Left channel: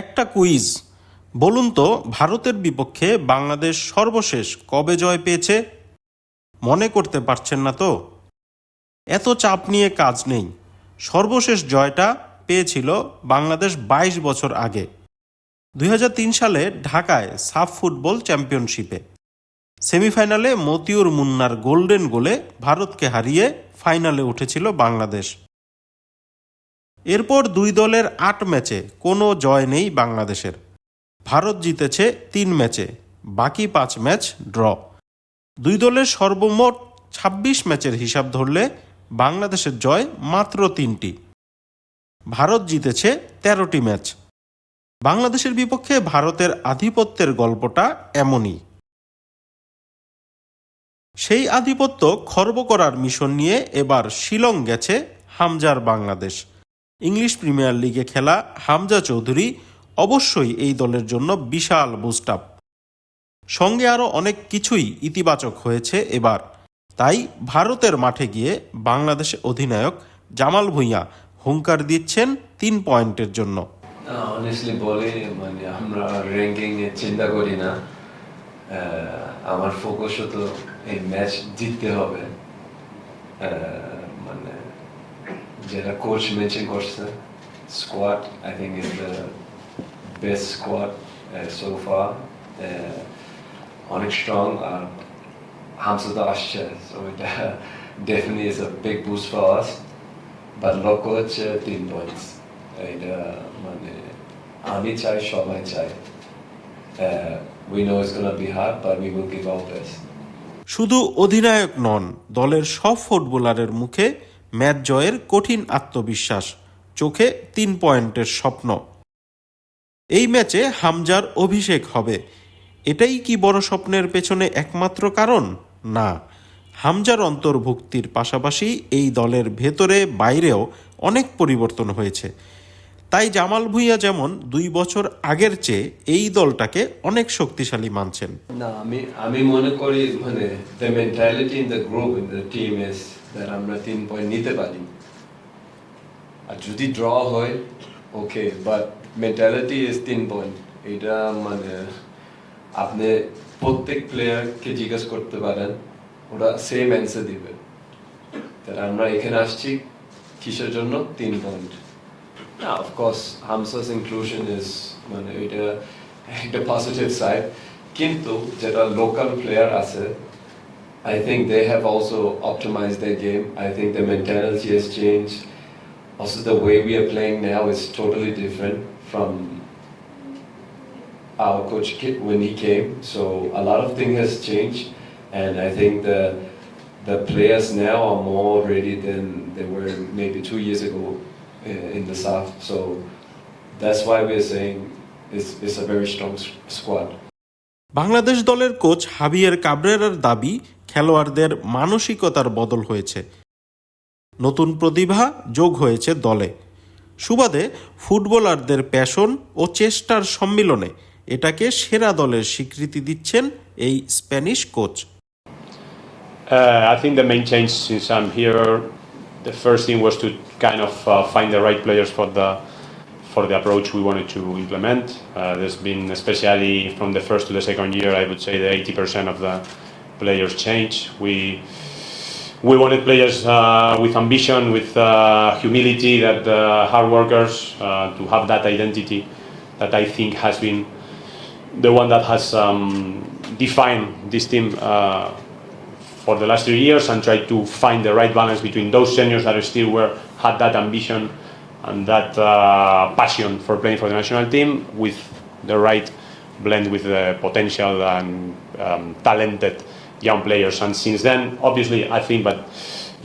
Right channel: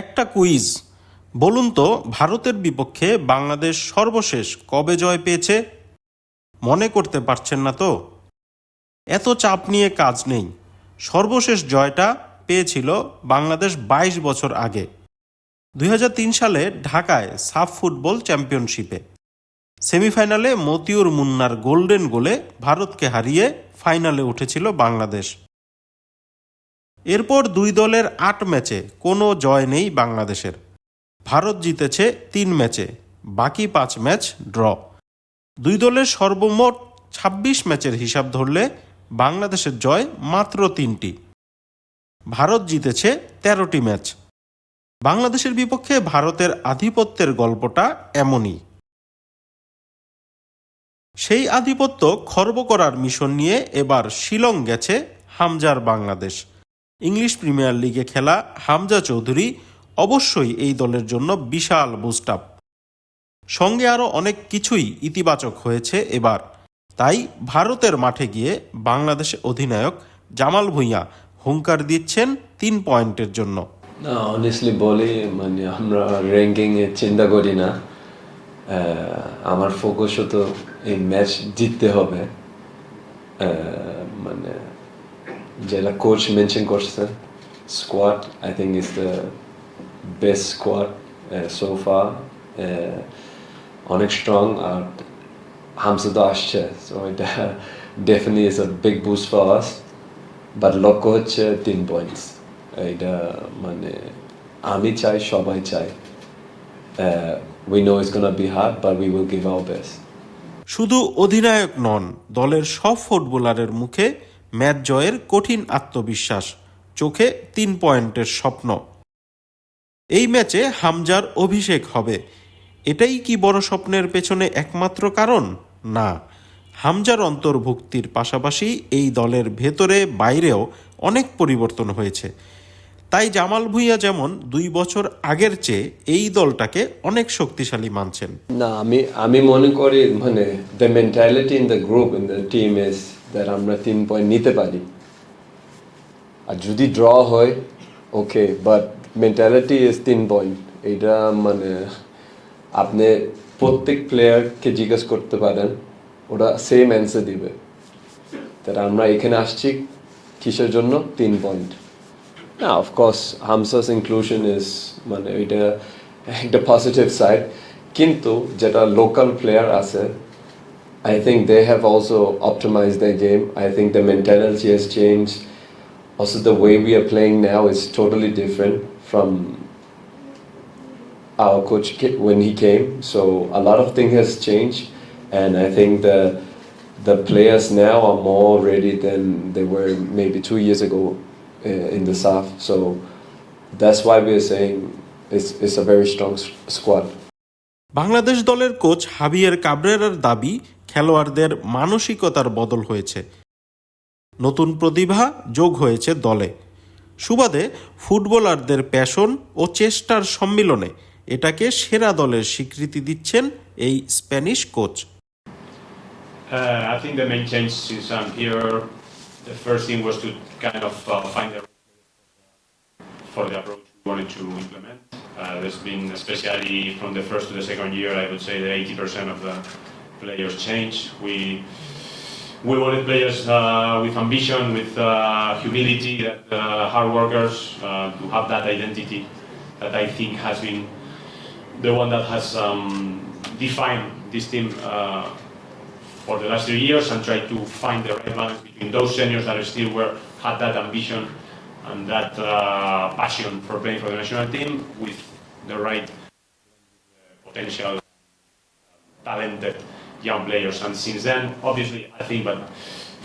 একটা কুইজ, বলুন তো ভারতের বিপক্ষে বাংলাদেশ সর্বশেষ কবে জয় পেয়েছে? মনে করতে পারছেন না তো? এত চাপ নিয়ে কাজ নেই। সর্বশেষ জয়টা পেয়েছিল বাংলাদেশ ২২ বছর আগে, ২০০৩ সালে ঢাকায় সাফ ফুটবল চ্যাম্পিয়নশিপে। সেমিফাইনালে মতিউর মুন্নার গোল্ডেন গোলে ভারতকে হারিয়ে ফাইনালে উঠেছিল বাংলাদেশ। এরপর দুই দলের ৮ ম্যাচে কোনো জয় নেই বাংলাদেশের। ভারত জিতেছে ৩ ম্যাচে, বাকি ৫ ম্যাচ ড্র। দুই দলের সর্বমোট ২৬ ম্যাচের হিসাব ধরলে বাংলাদেশের জয় মাত্র ৩টি। ভারত জিতেছে ১৩টি ম্যাচ। বাংলাদেশের বিপক্ষে ভারতের আধিপত্যের গল্পটা এমনই। সেই আধিপত্য খর্ব করার মিশন নিয়ে এবার শিলং গেছে হামজার বাংলাদেশ। ইংলিশ প্রিমিয়ার লিগে খেলা হামজা চৌধুরী অবশ্যই এই দলের জন্য বিশাল বুস্ট আপ। সঙ্গে আরও অনেক কিছুই ইতিবাচক হয়েছে এবার। তাই ভারতের মাঠে গিয়ে বাংলাদেশ অধিনায়ক জামাল ভুঁইয়া হুঙ্কার দিচ্ছেন ৩ পয়েন্টের জন্য। অনেস্টলি বলি, আমরা র্যাঙ্কিং এ চিন্তা করি না। আমার ফোকাস তো এই ম্যাচ জিততে হবে। যেটা কোচ মেনশন করছে, squad I think is the best squad so far. অনেক স্ট্রং, আর হামসা তো আসছে, সো এটা definitely is a big boost for us. But লক্ষ্য হচ্ছে ৩ পয়েন্টস। এটা আমি চাই, সবাই চাই। We know it's gonna be hard, but we will give our best. শুধু অধিনায়ক নন, দলের সব ফুটবলারের মুখে ম্যাচ জয়ের কঠিন আত্মবিশ্বাস, চোখে ৩ পয়েন্টের স্বপ্ন। এই ম্যাচে হামজার অভিষেক হবে, এটাই কি বড় স্বপ্নের পেছনে একমাত্র কারণ? না, হামজার অন্তর্ভুক্তির পাশাপাশি এই দলের ভেতরে বাইরেও অনেক পরিবর্তন হয়েছে। তাই জামাল ভুঁইয়া যেমন ২ বছর আগের চেয়ে এই দলটাকে অনেক শক্তিশালী মানছেন। না, আমি মনে করি the mentality in the group, in the team is that আমরা ৩ পয়েন্ট নিতে পারি। আর যদি ড্র হয় ওকে, বাট মেন্টালিটি ইজ ৩ পয়েন্ট। এটা আপনি প্রত্যেক প্লেয়ারকে জিজ্ঞেস করতে পারেন, ওরা সেম অ্যান্সার দিবে। তাই আমরা এখানে আসছি কিসের জন্য? ৩ point. Yeah, of course, Hamza's inclusion is the positive side. Kintu, jeta local player ase, I think they have also optimized their game. I think the mentality has changed. Also, the way we are playing now is totally different from our coach when he came. So a lot of things has changed, and I think the players now are more ready than they were maybe 2 years ago. In the south, so that's why we are saying it's a very strong squad. Bangladesh দলের coach Javier কাবরেরার দাবি, খেলোয়াড়দের মানসিকতার বদল হয়েছে, নতুন প্রতিভা যোগ হয়েছে দলে। সুবাদে ফুটবলারদের প্যাশন ও চেষ্টার সম্মিলনে এটাকে সেরা দলের স্বীকৃতি দিচ্ছেন এই Spanish coach. I think the main change since I'm here, the first thing was to kind of find the right players for the approach we wanted to implement. There's been, especially from the first to the second year, I would say that 80% of the players changed. We wanted players with ambition, with humility, that hard workers, to have that identity that I think has been the one that has defined this team for the last 3 years, and try to find the right balance between those seniors that still had that ambition and that passion for playing for the national team, with the right blend with the potential and talented young players. And since then, obviously, I think that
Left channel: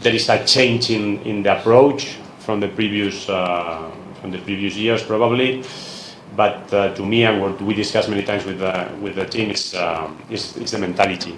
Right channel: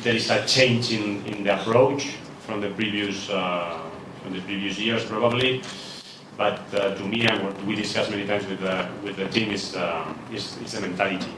there is a change in the approach from the previous years, probably. But to me, and what we discussed many times with the team, is the mentality.